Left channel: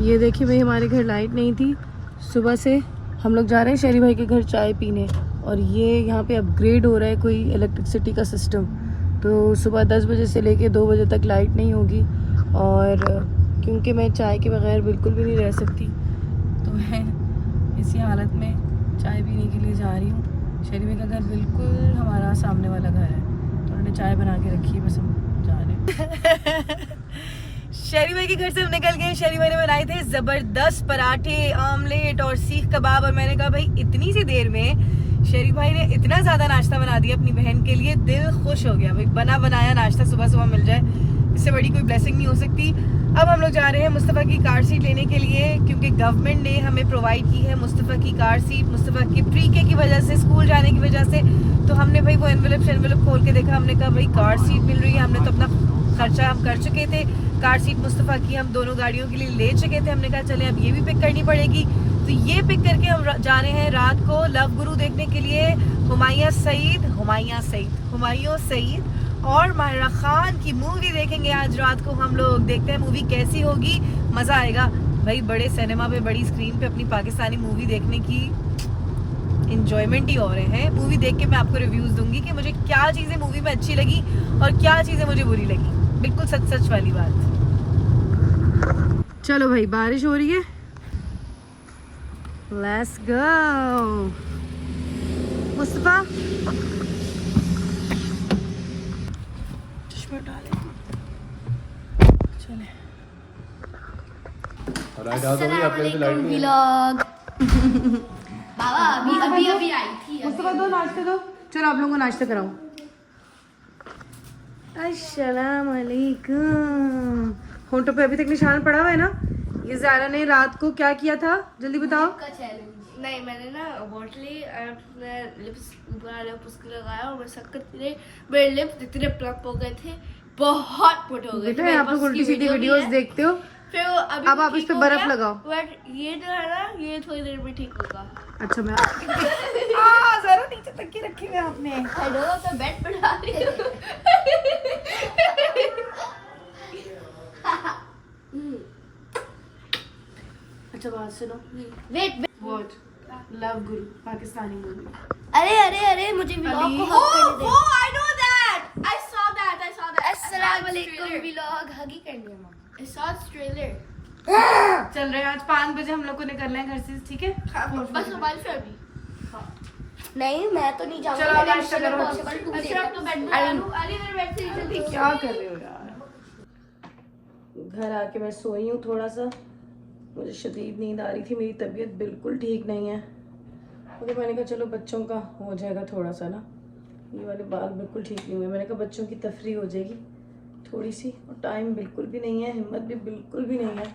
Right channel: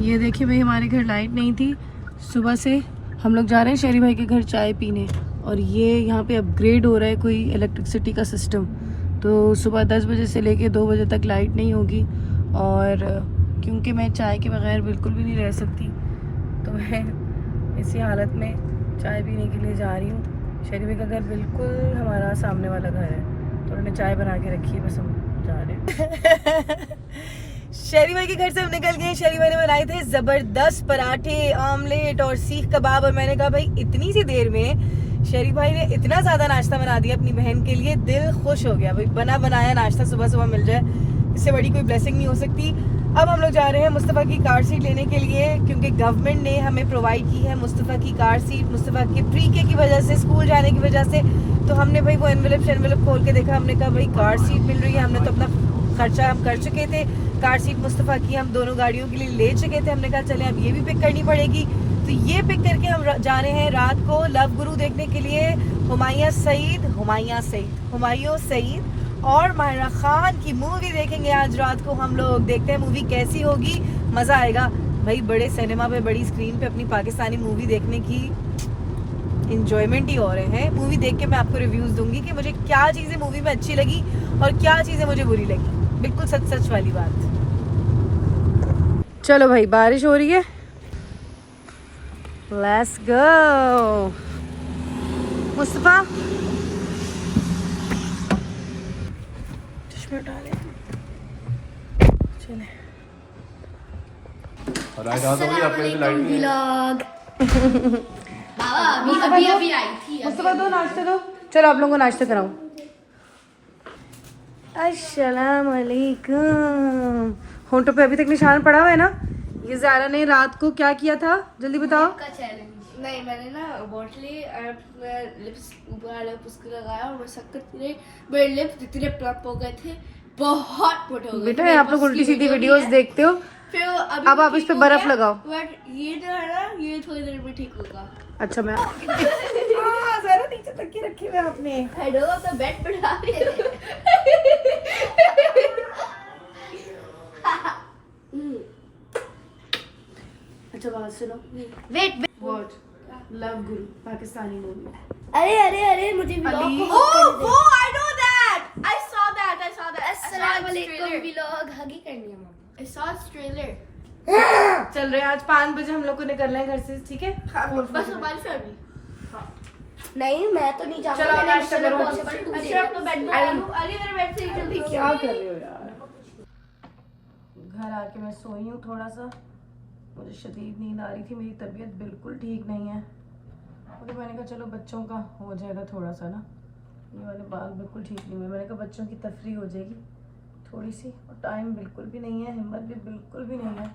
ये देखिए भाई, हमारे घर लाइट नहीं थी सुबह से। हम लोग जा रहे हैं शेरी भाई के घर चाय पीने, और ये यहाँ पे अपग्रेड हो रहा है कोई इलेक्ट्रिसिटी का सिस्टम। तो सुबह 10 बजे से लेके 2 बजे तक लाइट नहीं होगी, और क्योंकि मैं चाय के बगैर बिल्कुल भी नहीं रह सकती, तो मैं इसी हालत में चाय पीने के लिए जा रही हूँ। शेरी भाई का घर बिल्कुल हमारा सामने वाला घर है, तो उन्होंने चाय बना के रखी है, बस हम जा रहे हैं। शेरी भाई के घर से हम निकल गए। शेरी भाई ने बनाए थे जबरदस्त पराठे, ऑमलेट और सीख कबाब, और मैंने कहा भाई इतनी सी देर में शेरी भाई ने इतना ज्यादा नाश्ता बना दिया अपनी बहन के लिए, दिल खुश हो गया भाई। बना बनाया नाश्ता सुबह सुबह मिल जाए, इससे बड़ी कोई ब्लेसिंग नहीं हो सकती। अब हम लोग जा रहे हैं मुस्तफ़ा की कार सीट लेने के लिए, क्योंकि गवर्नमेंट ने हमें प्रोवाइड की है मुस्तफ़ा की कार सीट। मुस्तफ़ा के प्री के की वजह से, स्कूल जाने की वजह से, तो हमने भाई वो एनवेलप खोल के देखा। हमने कहा भाई कार सीट मिल रही है, हमने तो अपना खर्चा हम कर चुके थे, कार सीट मुस्तफ़ा की हम दोनों गाड़ियों के लिए ले चुके थे। हमने कहा चले अब ये भी पिक करनी पड़ेगी, तो ये पिक करके हम जा रहे हैं रात को लव गुरु देखने के लिए। हुमायूं सईद और माहिरा खान की मूवी देखेंगे आज रात को हम लोग। देखते हैं मूवी कैसी होगी, मजा आएगा भाई। बड़े सिनेमा पे, बड़ी स्क्रीन पे अपनी पाकिस्तानी मूवी देखने की इंजॉयमेंट ही हो रहे हैं। मूवी देख के मैं आपको रिव्यूज दूंगी कि मुझे क्या चीजें मूवी में अच्छी लगी और क्या चीजें मुझे बुरी लगी, बिल्कुल सच सच वाली बात। चलो भाई, बारिश हो रही है, लेट्स गो। मुस्तफा चश्मा डाले, चले। अस्सलाम वालेकुम व्लॉग। बाबा अभी आई थी। मुस्तफा दो नाश्ते दो, चलो आप लोगों को नाश्ते कराऊं। अस्सलाम वालेकुम। होंठों पे अभी तक निशान पड़ा हुआ है ना। ये ज़ारा ने रात को क्या किया था, जल्दी बताओ। का चैलेंज नहीं, मैंने ना बोतली लिप्स ऊपर लगाया और मैं शक्कर रही, मेरे लिप्स इतने प्लम्प हो गए थे, बहुत मोटे हो गए थे। बेटा आप लोग उल्टी सीधी वीडियोस देखते हो, फिर अब आप इस पे बर्फ लगाओ। बट ये जो है ना, ये थोड़ी देर में ठीक होगा। अच्छा मैं ज़रा नीचे तक के रखे हुए आपने। हेलो, तो बेड पे डाल रही हूं। अच्छा बात सुनो, वेट वॉच लव गुरु पाकिस्तानी मूवी। अरे अरे अरे, मुझे व्लॉग को I know that, I saw that. अस्सलाम वालेकुम व्लॉग, हगी कर लिया मैंने। I saw trailer. चल रहे हैं आज 5 बजे हम लोग को निकलना है घर से, ठीक है। बस हमारी फैमिली। नहीं, मैं तो नहीं जाऊंगा। चलो आप नाश्ता करो। अच्छा अब तो बेड में डालूं। अली इधर बेड से जल्दी। क्या कर रहे हो यार। घर आके मैं सोई हूँ थोड़ा सा, मुझे शदीद नींद आ रही थी, मेरी तबीयत बिल्कुल ठीक नहीं है। मुझे मैंने कहा चलो बच्चों का हो जाएगा थोड़ा सा ना, ये वाले बाल बिल्कुल ठीक नहीं हुए। मैंने कहा बच्चों की तफरी हो जाएगी थोड़ी सी, और टाइम बिल्कुल भी नहीं है, हिम्मत भी बिल्कुल भी नहीं है।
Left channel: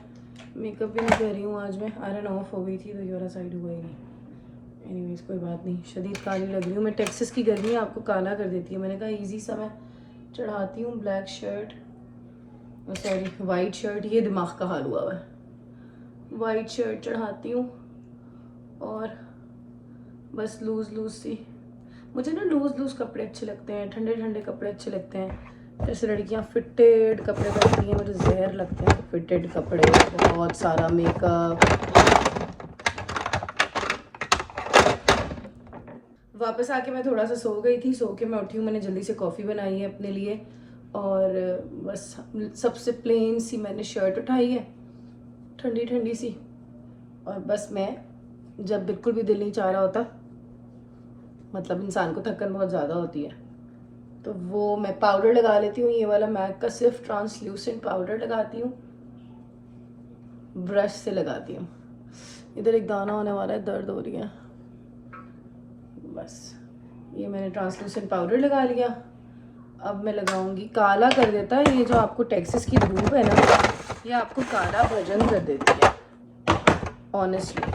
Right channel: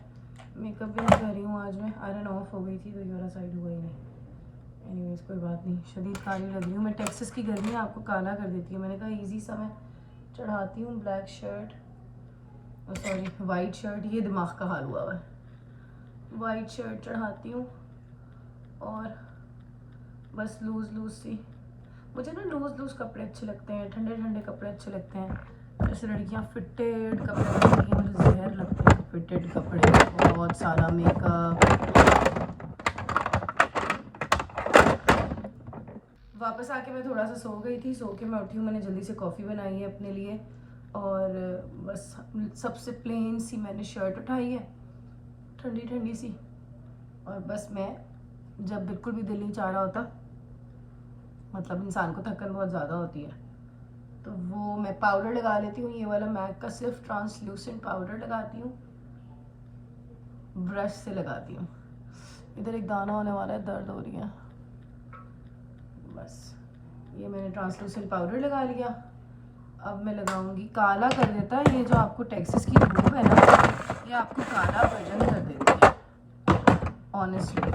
मेकअप भी नहीं कर रही हूँ आज मैं, आयरन ऑफ हो गई थी तो ये वाला साइड हुआ ही नहीं। एनीवेज कोई बात नहीं, शदीद काली लग रही हूँ मैं। टेक्सास की गर्मी आपको काला कर देती है। मैंने कहा ईजी सा मैं चढ़ाती हूँ black shirt, sorry white shirt, ये दिमाग का हाल हुआ हुआ है। वाइट शर्ट चढ़ाती हूँ और बस लूज़ सी। मुझे ना लूज़ कपड़े अच्छे लगते हैं, ठंडे ठंडे कपड़े अच्छे लगते हैं। जैसे लड़कियाँ फिटेड कपड़े पहनती हैं, मुझे जहर लगते हैं फिटेड कपड़े, बहुत सारा मेकअप। वापस आके मैं थोड़ा सा सो गई थी, सो के मैं उठी हूँ, मैंने जल्दी से कॉफ़ी बनाई है अपने लिए, और बस सबसे प्लेन सी मैंने शर्ट उठाई है, ठंडी ठंडी सी। और बस मैं जब बिल्कुल भी दिल नहीं चाह रहा होता, मतलब इंसान को थकन बहुत ज़्यादा होती है, तो वो मैं पाउडर लगा लेती हूँ। ये वाला मैक का सिर्फ ट्रांसल्यूसेंट पाउडर लगाती हूँ, ब्रश से लगाती हूँ। इधर एक दाना होने वाला है, दर्द हो रही है। बस ये मैंने ट्रांसल्यूसेंट पाउडर लगा लिया। अब मैं लगाऊंगी, काला कर देता है ये जो आपको टेक्सास की धूप है ना, ये आपको काला वर्जन कर देती है ऑनेस्टली।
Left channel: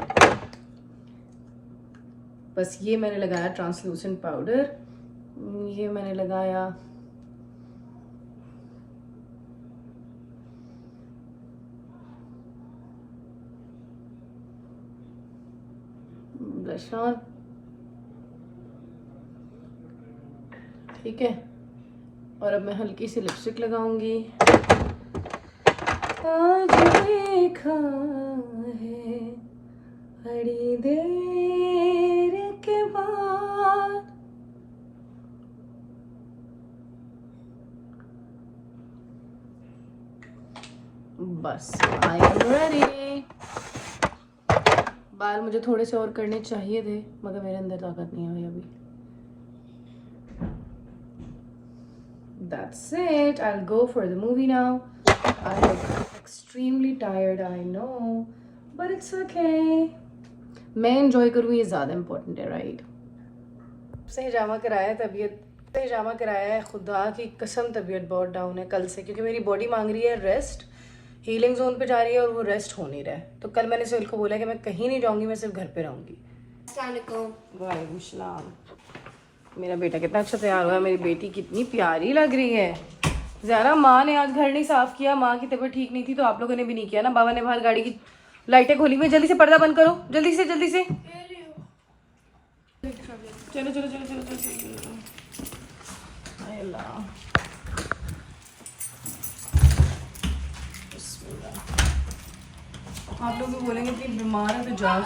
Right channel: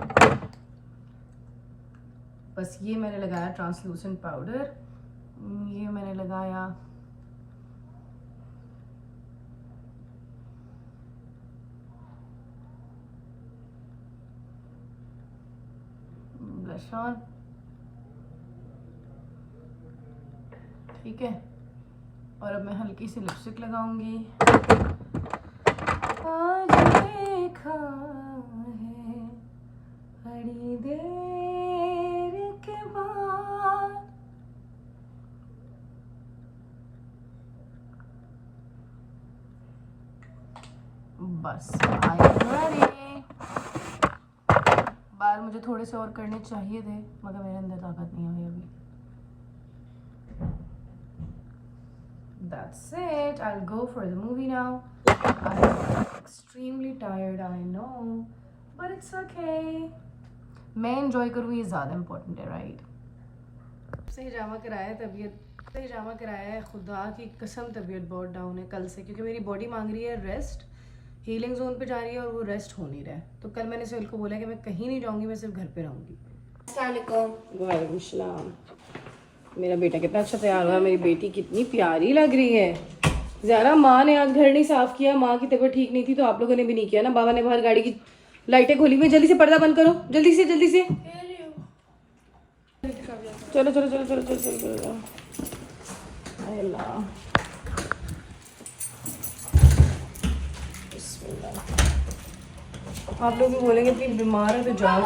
बस ये मैंने लगाया ट्रांसल्यूसेंट पाउडर, ये मैंने लगाया ब्लश ऑन, ठीक है। और अब मैं हल्की सी लिपस्टिक लगाऊंगी। आज देखा बड़ी देर के बाद बस आई एम रेडी। बाल मुझे थोड़े से और करने चाहिए थे मगर मेरे अंदर ताकत नहीं आई अभी। That's it. I'll go for the movie now. I'm extremely tired, I know, but it's okay. मैं enjoy करूँ ये ज़्यादा important है, right? से हिजामा कराया है, खुदा की कसम तबीयत बहुत डाउन है कल से, क्योंकि मेरी बॉडी मांग रही है रेस्ट, हीलिंग जोन पे जा रही है और वो रेस्ट हो नहीं रहा है। तो कल मैंने सोहेल को बोला कि मैं कहीं नहीं जाऊंगी, मैं सिर्फ घर पे रहूंगी। वालेकुम सलाम। मेरा बेटा कितना अच्छा तैयार हुआ है, मेरी बेटी कितनी प्यारी लग रही है। ज़रा माँ ने आज घर नहीं साफ किया, माँ की तबीयत ठीक नहीं थी तो आप लोगों ने भी नहीं किया ना। बाबा ने बाहर गाड़ी की लाइटें खोली हुई, जल्दी से पर्दा बंद करो, जल्दी से जल्दी से। चलो चलो चलो चलो चलो चलो। अल्लाह आप लोग भी बोलेंगे इतनी बीमार है तो जाओ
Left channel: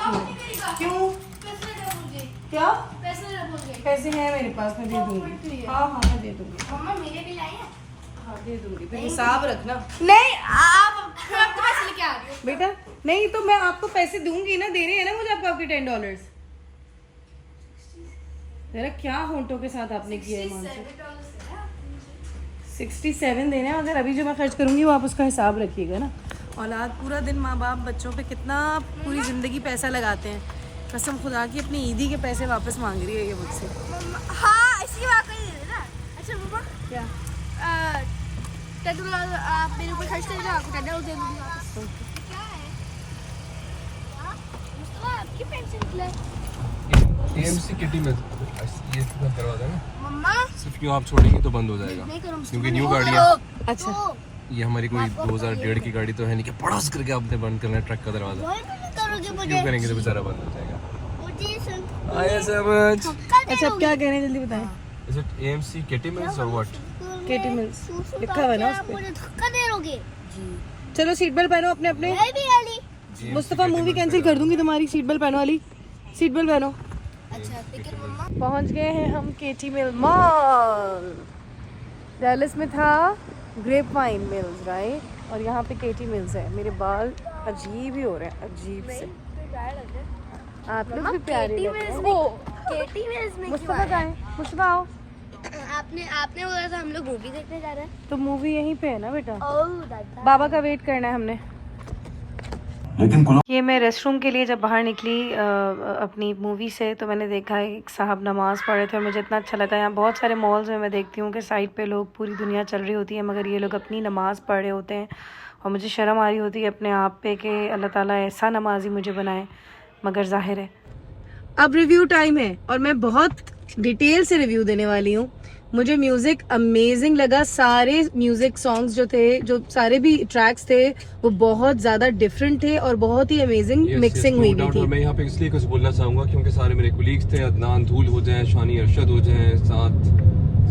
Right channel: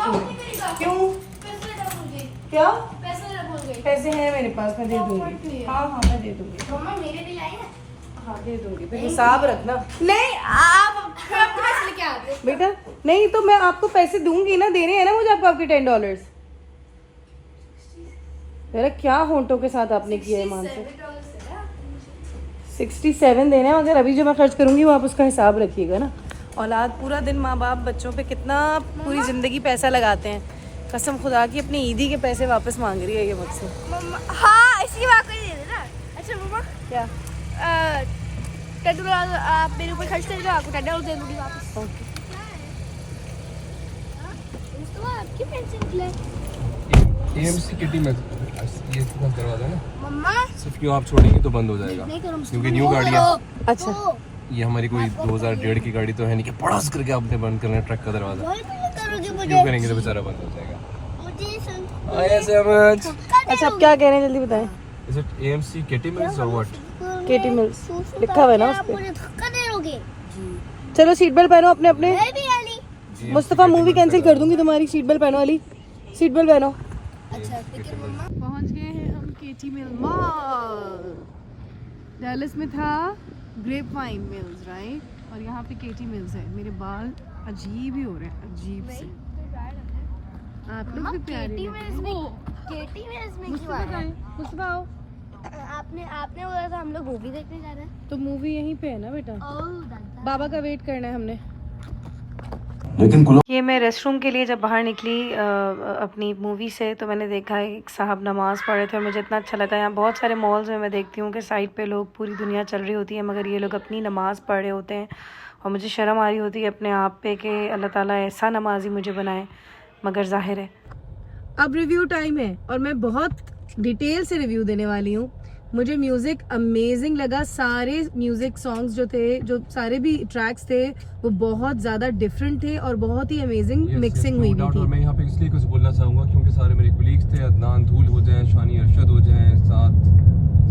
क्यों? क्या पैसे हैं मेरे पास, मैं दे दूंगी। हाँ हाँ मैं दे दूंगी। हाँ दे दूंगी, फिर हिसाब रखना। नहीं आप तो पैसे लेके आ गए बेटा, नहीं तो मैं आपको पैसे दूंगी ना, देने हैं ना मुझे आपको आपके $10। तेरा क्या होंठों के साथ आपने किया है मान से? 67 देने हैं, मगर अभी जो मैं खर्च करूंगी वो आप उसका हिसाब रखिएगा ना। औलाद पूरा दिन माँ बाप बच्चों पे कितना पूरी ज़िंदगी पैसा लगाते हैं, कसम खुदा की अपनी ईदी के पैसे वापस मांग रही है ये मुझसे। हाँ इसी बात को ही दे देना। अच्छा मम्मा क्या $10 आप मेरे ऊपर खर्च करेंगे, आपको $10 दे दूंगी वापस। आपके पैसे AMC किटी में ये बंद करवा देना। मम्मा सिर्फ क्यों आप छोड़ेंगे तो बंद हो जाएगा, क्योंकि न्यू गाड़ी है। अच्छा ये हमारी कोई 2001 की गाड़ी तो है नहीं कि पड़ास करके आपने बंद करना है ट्रक का दरवाजा। क्यों करेंगे तो बेचारा बंद हो जाएगा। आया समझ। अच्छा आप क्या कह रहे हैं जल्दी बताएं। Is it AMC kitty mills और व्हाट? केटी मिल्स लिखा हुआ है ना उस पे। धक्का दे दोगे? चलो सीट बेल्ट पहनो अपने अपने। मुस्तफा मूवी कैंसिल कर दूंगी तुम्हारी, सीट बेल्ट पहनो वाली, सीट बेल्ट पहनो। पहुंच गए हैं हम केटी मिल मॉल। डैलस में था ग्रेप वाइन मिल्स राइट, और यहाँ पे केटी मिल्स है। मेरे बाल अजीब ही हो रहे हैं, अजीब से। आप लोग भी प्यारे लग रहे हैं। मुस्तफा आओ। आपने बोला था हम लोग मूवी देखने जा रहे हैं। तो मूवी यहीं पे है ना बेटा, दादा बाबा का वेट करना है हमने। लेकिन ये मैं रेस्टरूम के लिए जब बाहर निकली अपनी मूवी से, तो मैंने देखा एक साहब नमाज़ पढ़ रहे थे और मुझे इतना अच्छा लगा। यहाँ बहुत सारे मॉल्स में मैं देखती हूँ कि साइड पे लोग, पूरी दुनिया चल रही होती है मगर ये लोग अपनी नमाज़ पढ़ रहे होते हैं, और मुझे शर्म आ रही होती है अपने आप पे कि अल्लाह ताला ऐसा नमाजी मुझे बनाए। मगर जाहिर है अब रिव्यू टाइम है और मैं बहुत डिटेल से रिव्यू देने वाली हूँ। मुझे म्यूज़िक अमेजिंग लगा, सारे म्यूज़िक सॉन्ग्स जो थे, जो सारे भी ट्रैक्स थे वो बहुत ज़्यादा डिफरेंट थे और बहुत ही अमेजिंग मिक्सिंग हुई थी। और मैं यहाँ पे इसलिए कुछ बोलना चाहूँगा क्योंकि सारे मेरे कोलीग्स थे, अदनान धूल हो जाए, शानी अरशद हो जाए, साथ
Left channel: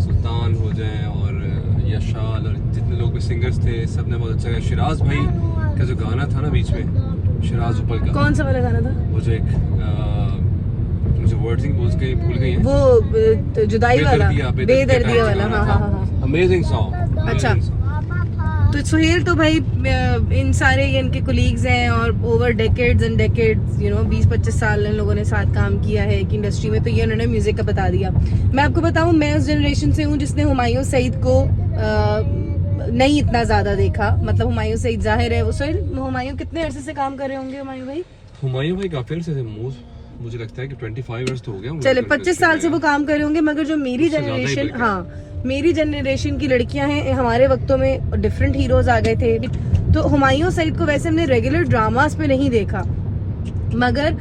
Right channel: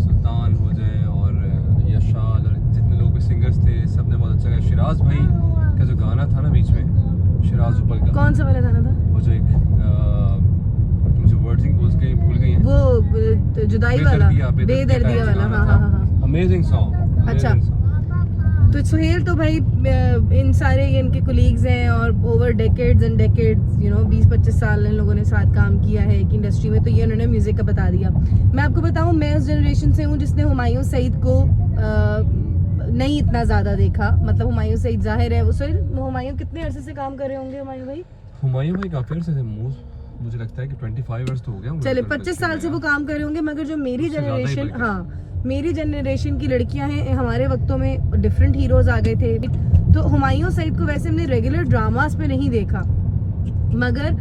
सुल्तान हो जाए और यशाल और जितने लोग भी सिंगर्स थे, सब ने बहुत अच्छा गाया। शिराज भाई का जो गाना था ना बीच में, शिराज उपल का, कौन सा वाला गाना था वो जो एक मुझे वर्ड्स भूल गई हैं, वो जुदाई वाला, बेदर्दी वाला। हाँ हाँ हाँ, अमेजिंग सॉन्ग। अच्छा तो सुहेल तो भाई इन सारे ये इनके कोलीग्स हैं और ओवर डेकेड्स एंड डेकेड्स 20-25 साल इन लोगों ने साथ काम किया है एक इंडस्ट्री में, तो ये उन्होंने म्यूजिक का बता दिया। मैं आपको बताऊं, मैं उस जनरेशन से हूँ जिसने हुमायूं सईद को नहीं इतना ज्यादा देखा। मतलब हुमायूं सईद जाहिर है, वो सुहेल हुमायूं कितने अरसे से काम कर रहे होंगे हुमायूं भाई काफी अरसे से, मुझे लगता है कि 25 इयर्स तो हो गया। चले 25 साल से वो काम कर रहे होंगे, मगर जो मेरी जनरेशन, हाँ मेरी जनरेशन की लड़कियां हैं, हमारे वक्तों में डिफरेंट हीरोज आ गए थे। तो हुमायूं सईद को वैसे हमने रेगुलर ड्रामास पे नहीं देखा, मगर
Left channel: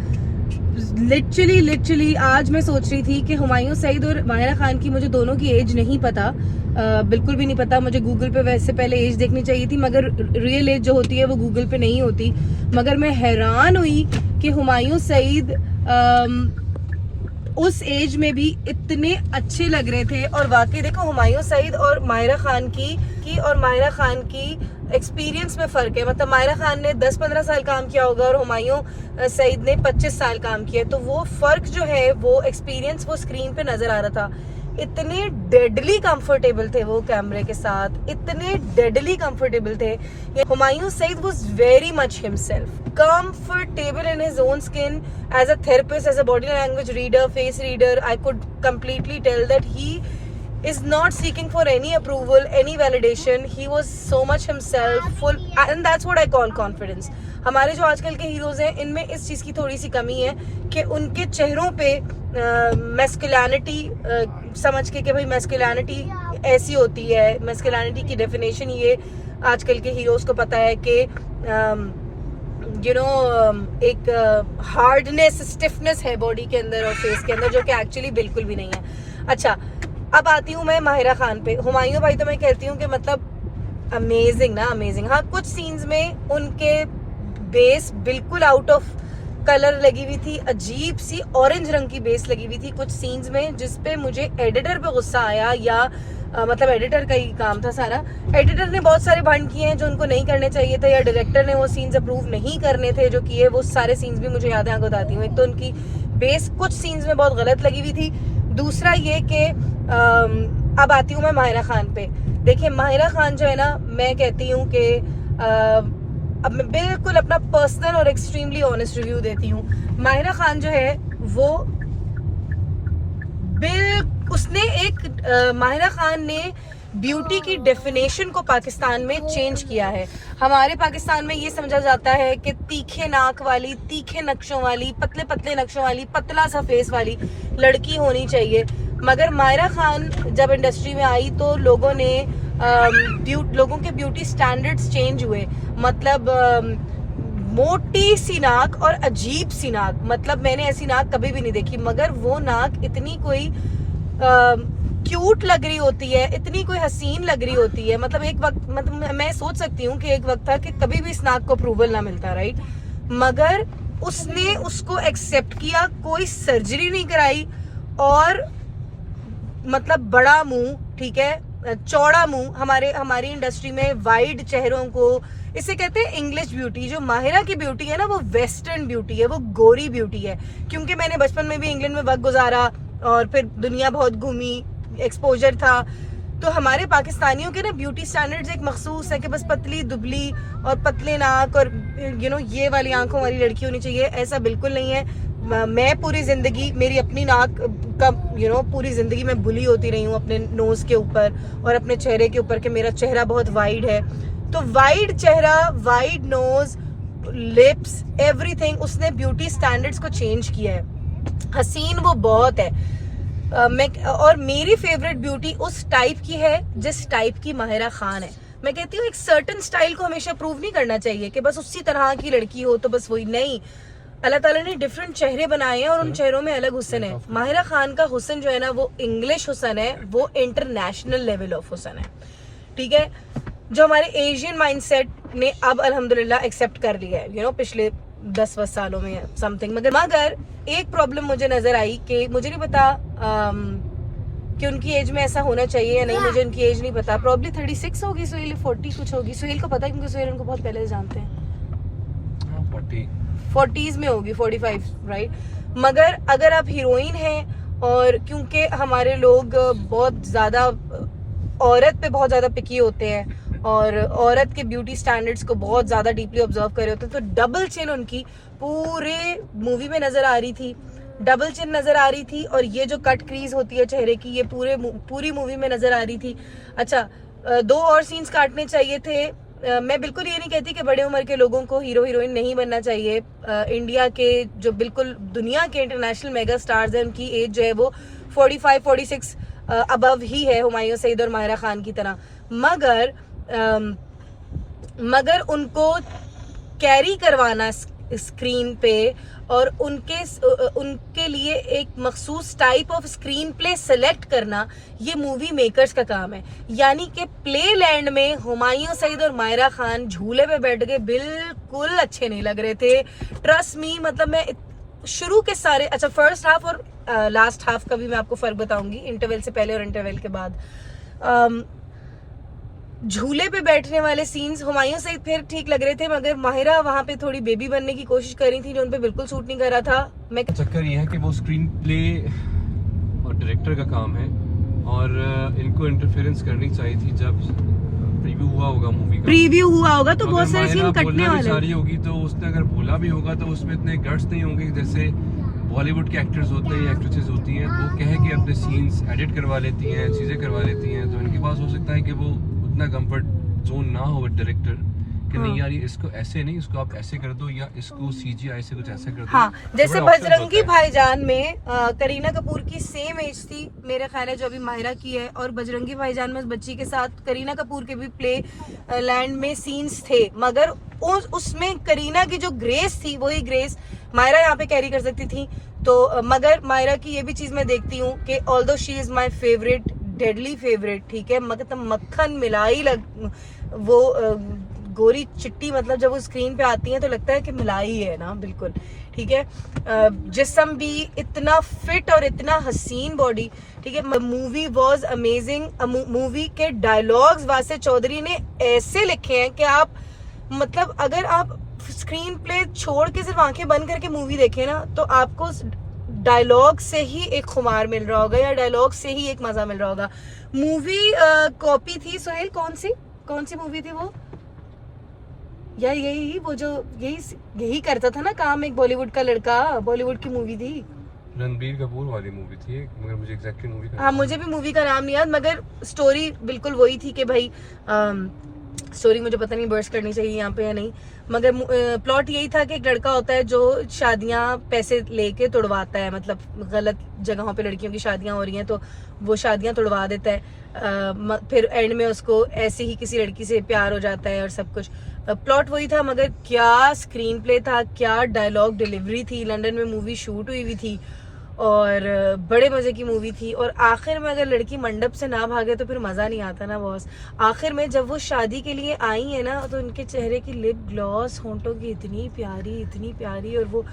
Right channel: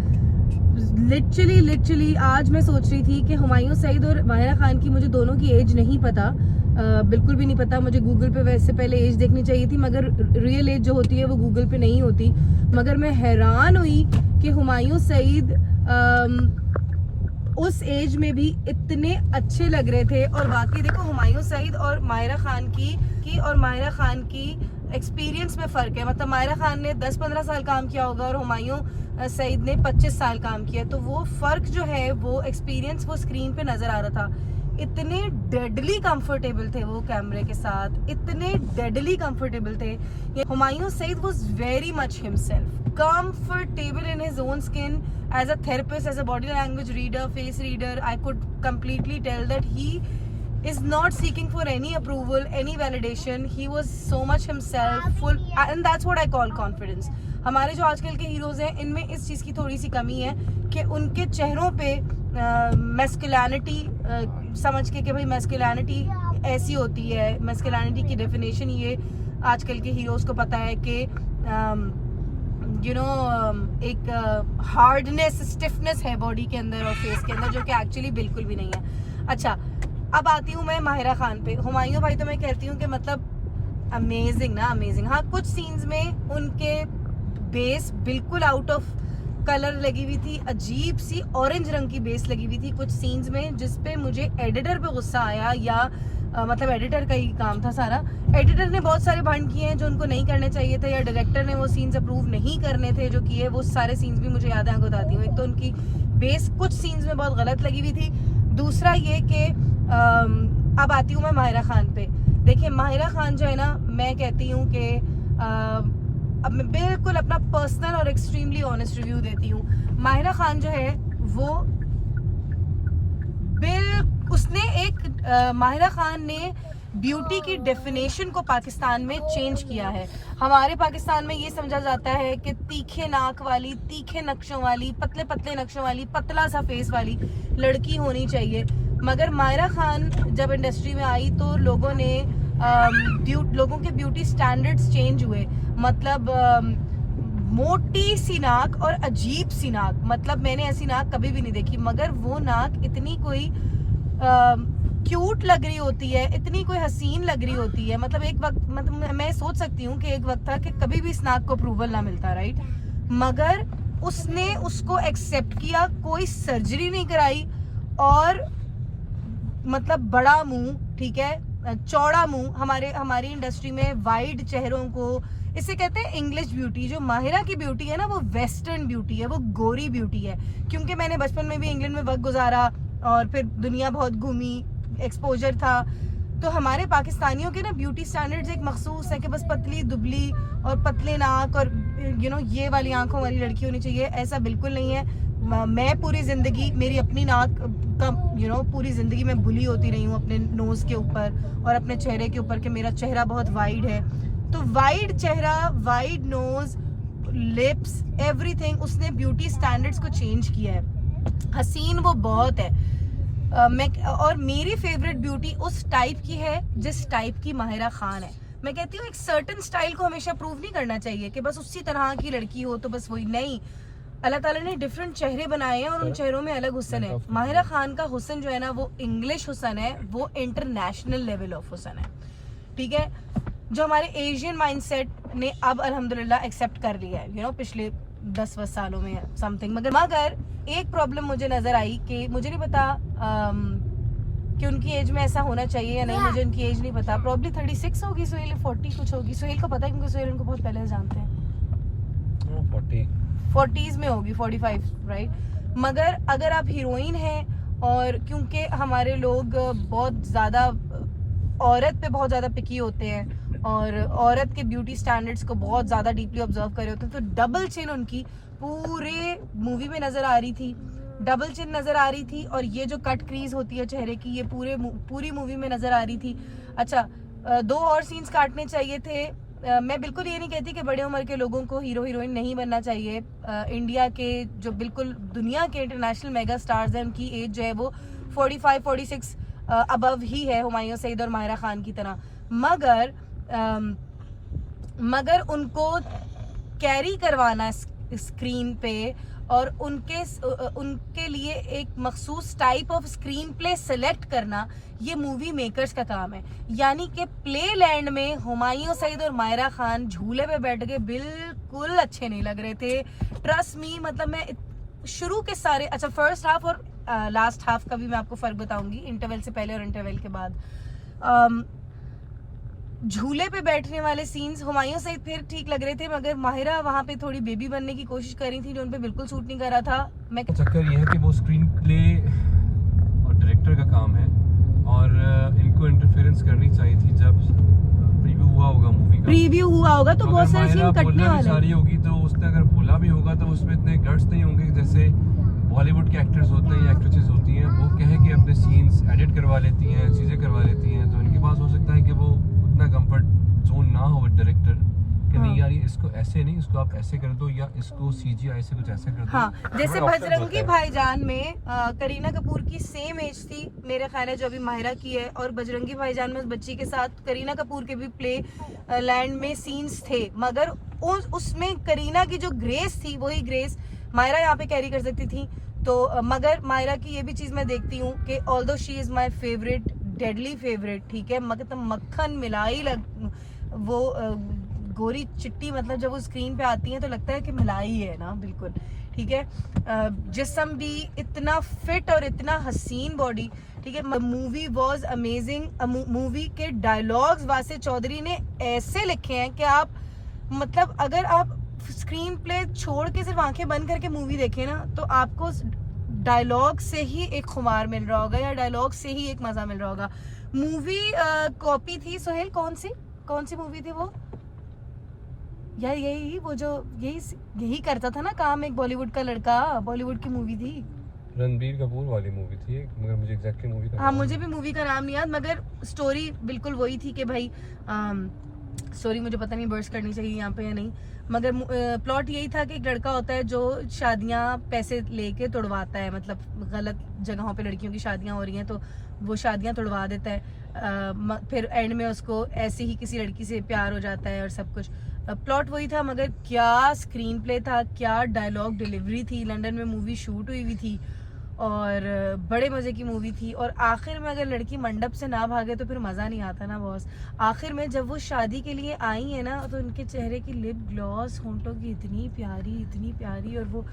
लिटरली आज मैं सोच रही थी कि हुमायूं सईद और माहिरा खान की, मुझे दोनों की एज नहीं पता, बिल्कुल भी नहीं पता। मुझे गूगल पे वैसे पहले एज देखनी चाहिए थी, मगर रियल एज जो होती है वो गूगल पे नहीं होती। मगर मैं हैरान हुई कि हुमायूं सईद उस एज में भी इतने अच्छे लग रहे थे। और वाकई देखो हुमायूं सईद और माहिरा खान की एक्सपीरियंस में फ़र्क है। मतलब माहिरा खान ने 10-15 साल काम किया होगा और हुमायूं सईद ने 25 साल काम किया, तो वो फ़र्क जो है वो एक्सपीरियंस वो स्क्रीन पे नज़र आ रहा था। इतने डेडली कंफर्टेबल थे वो कैमरे के साथ, इतने डेडली कंफर्टेबल थे। Humayun Saeed was very much himself, comfortable in his own skin. As a therapist, as a body language reader, face reader, I could completely tell that he is not seeking for any approval, any validation. He was so much himself, full, and that's what I call confidence. हमारे जो आजकल के heroes हैं इनमें इस चीज़ की थोड़ी सी कमी है कि उनके चेहरों पे मैस्कुलिनिटी समझ के कि भाई मैस्कुलिनिटी ऐसी होती है, मैस्कुलिनिटी की डेफिनेशन ये आजकल के हीरोज को पता है कि एक हार्डनेस, स्टिफनेस है बॉडी के अंदर और फेस के अंदर, जो कि एक्चुअली बिल्कुल भी नहीं है। अच्छा, अब आती हूँ मैं माहिरा खान पे। हुमायूं भाई तो मैं कहती हूँ कि मतलब अमेजिंग ना, अमेजिंग। हाँ, कुछ सीन्स में उनके बेस बिल्कुल आउट ऑफ कलर लगी हुई थी, अजीब सी ऑरेंज रंग की बेस लगी हुई थी कुछ सीन्स में, जिसपे मुझे एडिटर पे गुस्सा आया, या मतलब एडिटर का ही काम था सारा। एडिटर ने बहुत सारे भंड किए हैं जो उनको नहीं करने चाहिए थे, या डायरेक्टर ने वो सीन्स अप्रूव नहीं करने थे जो किए, वो सारे सीन्स भी मुझे याद है, आपको बताती हूँ। एक तो उनकी बेस कुछ सीन्स में बहुत गलत लगी हुई थी, दूसरा ये कि अब आती हूँ मैं माहिरा खान पे। देखिए माहिरा खान जो है ना, मैं कहती हूँ कि अब मैं बिल्कुल अपना पर्सनल और एक्सट्रीमली ऑनेस्ट रिव्यू देती हूँ। माहिरा खान जो है वो माहिरा खान ने ब्यूटी की डेफिनेशन को पाकिस्तान में चेंज किया है। हमारे पाकिस्तान में ये समझा जाता है कि तीखे नाक वाली, तीखे नक्शों वाली, पतले पतले नक्शों वाली, पतला सा फेस वाली लड़की होनी चाहिए। मगर माहिरा खान जब इंडस्ट्री में आई तो लोगों के ब्यूटी स्टैंडर्ड्स चेंज हुए। मतलब मोटी सी नाक और अजीब सी नाक, मतलब मैंने ऐसी नाक कभी भी नहीं देखी, मगर वो नाक इतनी कोई क्यूट लग रही होती है, इतनी कोई हसीन लग रही होती है। मतलब एक वक्त, मतलब मैं सोच सकती हूँ कि एक वक्त था कि कभी भी इस नाक को अप्रूवल ना मिलता, राइट? मगर उसने उसको एक्सेप्ट किया, कोई सर्जरी नहीं कराई, और मतलब बड़ा मुंह, ठीक है, चौड़ा मुंह। हमारी इंडस्ट्री में वाइड चेहरों को, इसे कहते हैं इंग्लिश ब्यूटी। जो माहिरा की ब्यूटी है ना, वो वेस्टर्न ब्यूटी है, वो गोरी ब्यूटी है। क्योंकि मैंने बचपन में भी इंग्लैंड में वक्त गुजारा और फिर दुनिया बहुत घूमी, एक्सपोजर था, तो हमारे पाकिस्तानियों के ना ब्यूटी स्टैंडर्ड्स एक मखसूस है कि बस पतली दुबली और पतले नाक और ये वाली आंखों वाली लड़की होनी चाहिए। ऐसा बिल्कुल नहीं है। मैं पूरी जिंदगी, मेरी अपनी नाक का पूरी जिंदगी में बुली होती रही हूँ अपने नोज के ऊपर और अपने चेहरे के ऊपर कि मेरा चेहरा बहुत वाइड है। तो वाइड चेहरा, वाइड नोज, लिप्स, एवरीथिंग, उसने ब्यूटी स्टैंडर्ड्स को चेंज किया है। हसीन वो बहुत है। और मेरी फेवरेट ब्यूटी उस टाइप की है जिस टाइप की माहिरा खान है। मैं कहती हूँ एक सर्टन स्टाइल को हमेशा प्रूव नहीं करना चाहिए कि बस उसी तरह की लड़की हो तो बस वही नहीं। अल्लाह ताला ने डिफरेंट चेहरे बनाए हैं और उन चेहरों में अलग हुस्न है। माहिरा खान का हुस्न जो है ना, वो इंग्लिश हुस्न है, वो इंटरनेशनल लेवल ऑफ हुस्न है, ठीक है, जो हमारे एशियन माइंडसेट ने अब अल्हम्दुलिल्लाह एक्सेप्ट कर लिया है, पिछले 10-20 सालों में समथिंग। मगर एक प्रॉब्लम मुझे नजर आई कि मुझे नहीं पता कि उनकी एज में ऐसा होना चाहिए या नहीं, मुझे उनकी एज नहीं पता। प्रॉब्ली 36 होगी, सुहेल 40 कुछ होगी। सुहेल को पता है क्योंकि सुहेल उनको बहुत पहले से जानते हैं। 40s में होगी, 45, राइट? मगर अगर आप हीरोइन हैं, और क्योंकि हमारे लोग बहुत ज़्यादा औरत पे बहुत ज़्यादा पिकी होते हैं और औरत के ब्यूटी स्टैंडर्ड्स को बहुत ज़्यादा डीपली ऑब्जर्व कर रहे होते हैं, तो डबल चिन उनकी पूरे मूवी में नज़र आ रही थी, डबल चिन नज़र आ रही थी, और ये जो कट क्रीज होती है चेहरे की, ये पूरी मूवी में नज़र आ रही थी। अच्छा, 2 और सीन्स काटने चाहिए थे। मैं बिल्कुल ये नहीं कहती कि बड़े उम्र के लोगों को हीरो हीरोइन नहीं बनना चाहिए। इंडिया के जो बिल्कुल दुनिया के इंटरनेशनल मेगा स्टार्स हैं, उनकी एज जो है वो 45-46 अबव ही है, हुमायूं सईद और माहिरा खान की तरह। मगर उनको कैरी करवाना स्क्रीन पे और उनके लिए एक मखसूस type of screen play select करना, ये मूवी मेकर्स का काम है। यानी कि प्ले लैंड में हुमायूं सईद और माहिरा खान झूले पे बैठ के बिल्कुल अच्छे नहीं लग रहे थे, ट्रस्ट मी। मतलब मैं शुरू के सारे, अच्छा, फर्स्ट हाफ और लास्ट हाफ का भी मैं आपको फर्क बताऊंगी, इंटरवल से पहले और इंटरवल के बाद। झूले पे बैठने वाले सीन्स हुमायूं सईद फिर ठीक लग रहे थे, मगर माहिरा वहाँ पे थोड़ी बेबी बनने की कोशिश कर रही थी जो उन पे बिल्कुल सूट नहीं कर रहा था। मैं चक्कर ये है कि वो स्क्रीन प्ले और डायरेक्टर का काम है और इनको इंटरफेरेंस करनी चाहिए थी जब प्रीव्यू हुआ होगा मूवी का। प्रीव्यू हुआ होगा तो बहुत सारे सीन कटने बोलना भी वाले चाह रही होगी तो उसने अगर बोला भी होगा तो उसमें इतने गट्स नहीं होंगे जैसे बॉलीवुड के एक्टर्स होते हैं या एक्ट्रेसेस होती हैं, वो कहे कि अपने सीन्स एडिट करवा लेती हैं, चीज़ें करवा लेती हैं, तो इनके पास हो सकता है कि वो उतना कंफर्ट जोन ना हो डायरेक्टर कि नहीं यार ये इसको ऐसे नहीं, इसको आप ऐसे कर दो या इसको सीजीआई से कुछ ऐसे कर दो। हाँ, जैसे थोड़ा बजरंगी options होते हैं। भाईजान में करीना कपूर की सेम एज थी मेरे ख्याल है जो अभी माहिरा की है, और बजरंगी भाईजान में उस बच्ची के साथ करीना कपूर के भी प्ले लैंड में सीन्स थे, मगर उसमें करीना की जो ग्रेस थी वही ग्रेस माहिरा यहाँ पे कैरी कर सकती थी। तो मगर माहिरा की ये भी चीज मैं देखती हूँ कि although she is my favourite, deadly favourite, ठीक है, मतलब मक्खन मिलाई वो गोरी चिट्टी, मतलब जब वो स्क्रीन पे आती है तो लगता है कि मिलाई है ना, बिल्कुल ठीक है। जिस्म भी इतना फिट और इतना हसीन बॉडी, ठीक है। Movie was amazing. मूवी के डायलॉग्स वासे चौधरी ने ऐसे लिखे हैं कि आप मतलब अगर आप स्क्रीन प्ले छोड़ के सिर्फ आंखें बंद करके मूवी देखें ना तो आपको डायलॉग से ही एक खुमार मिल रहा होगा या डायलॉग से ही एक मजा मिल रहा होगा। मूवी कॉपी थी सुहेल, कौन सी मूवी थी वो यार? यही वो जो यही करता था ना काम, एक बॉलीवुड का लड़का, बॉलीवुड की मूवी थी, रणबीर कपूर वाली मूवी थी, मगर मुझे एग्जैक्टली मूवी का हाँ मुझे भी मूवी का नाम नहीं याद, मगर स्टोरी बिल्कुल वही थी कि भाई स्टोरी मुझे पता नहीं बर्स्ट करनी चाहिए यहाँ पे या नहीं, मगर प्लॉट यही था कि एक लड़का होता है जो शादियां पैसे लेके तोड़वाता है, मतलब गलत जगहों पे लड़कियों की शादियां हो रही हैं तो वो शादियां तोड़वा देता है, फिर एंड में उसको ऐसे ही किसी लड़की से प्यार हो जाता है और सब कुछ। प्लॉट वही था, मगर क्या स्क्रीन प्ले था, क्या डायलॉग डिलीवरी थी। लंदन में मूवी शूट हुई थी और बड़े मजे की मूवी थी, और आखिर में अगर लड़की मंडप से ना भागे तो फिर मजा नहीं आता ना बॉस। आखिर में जब वो शादी के लिए आई है ना तो उनके चेहरे की लिप ग्लॉस, होंठों की इतनी प्यारी, और वो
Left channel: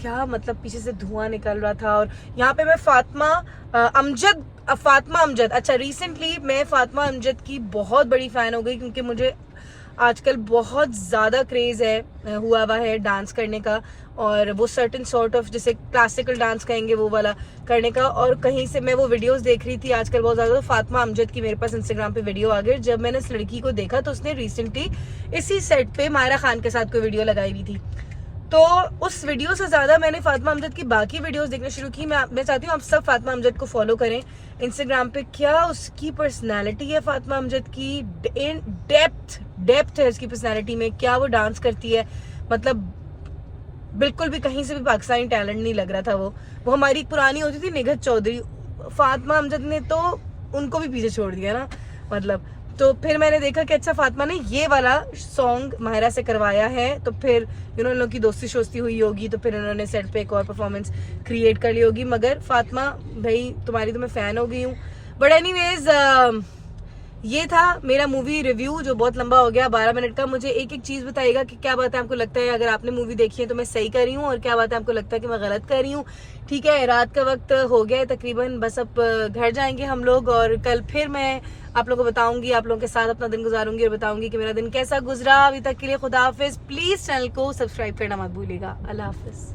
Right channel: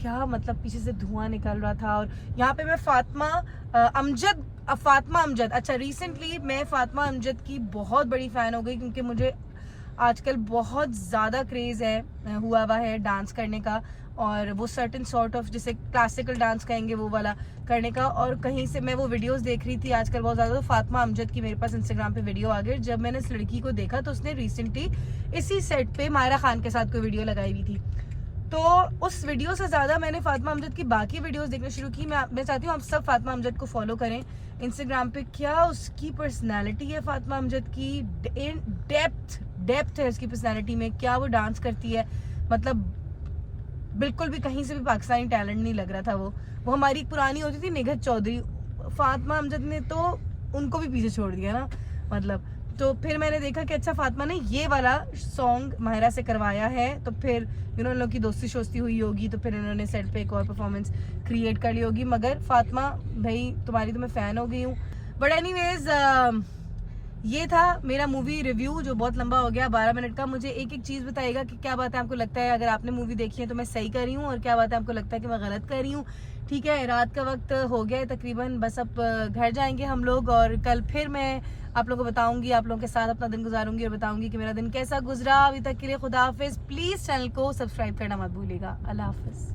क्या मतलब पीछे से धुआं निकल रहा था। और यहाँ पे मैं फातिमा अमजद, अच्छा रिसेंटली मैं फातिमा अमजद की बहुत बड़ी फैन हो गई, क्योंकि मुझे आजकल बहुत ज़्यादा क्रेज़ हुआ है डांस करने का, और वो सर्टेन सॉर्ट ऑफ जिसे क्लासिकल डांस कहेंगे वो वाला करने का। और कहीं से मैं वो वीडियोस देख रही थी आजकल बहुत ज़्यादा, तो फातिमा अमजद की मेरे पास इंस्टाग्राम पे वीडियो आ गई। जब मैंने इस लड़की को देखा तो उसने रिसेंटली इसी सेट पे मायरा खान के साथ कोई वीडियो लगाई हुई थी, तो उस वीडियो से ज़्यादा मैंने फातिमा अमजद की बाकी वीडियोस देखना शुरू की। मैं चाहती हूँ आप सब फातिमा अमजद को फॉलो करें इंस्टाग्राम पे। क्या उसकी पर्सनैलिटी है फातिमा अमजद की, इन डेप्थ है उसकी पर्सनैलिटी में, क्या वो डांस करती है, मतलब बिल्कुल भी कहीं से भी पाकिस्तानी टैलेंट नहीं लग रहा था। वो हमारी पुरानी होती थी निघत चौधरी, फातिमा अमजद ने तो उनको भी पीछे छोड़ दिया ना, मतलब। तो फिर मैंने देखा कि अच्छा फातिमा ने ये वाला सॉन्ग माहिरा से करवाया है, तो फिर इन लोगों की दोस्ती शोस्ती हुई होगी, तो फिर उन्होंने सेट पे एक और परफॉर्मेंस क्रिएट कर ली होगी। मगर फातिमा भाई तुम्हारी तो मैं फ़ैन हो गई हूँ। बट एनीवेज ये था मेरा मूवी रिव्यू जो बहुत लंबा हो गया, 12 मिनट का। मुझे एक चीज़ बताइएगा कि क्या बात है आपको लगता है अगर आपने मूवी देखी है तो मैं सही कर रही हूँ, और क्या बात है आपको लगता है कि मैं गलत कर रही हूँ। ठीक है, रात का वक्त हो गया है तकरीबन, बस अब घर जाएंगे हम लोग, और कल फिर मैं आप लोगों को बताऊंगी, आप लोगों के साथ अपना दिन गुजारूंगी और बताऊंगी कि मेरा दिन कैसा गुजरा। अभी तक के लिए खुदा हाफिज। प्लीज़ चैनल को सब्सक्राइब करना मत भूलिएगा। अल्लाह हाफिज।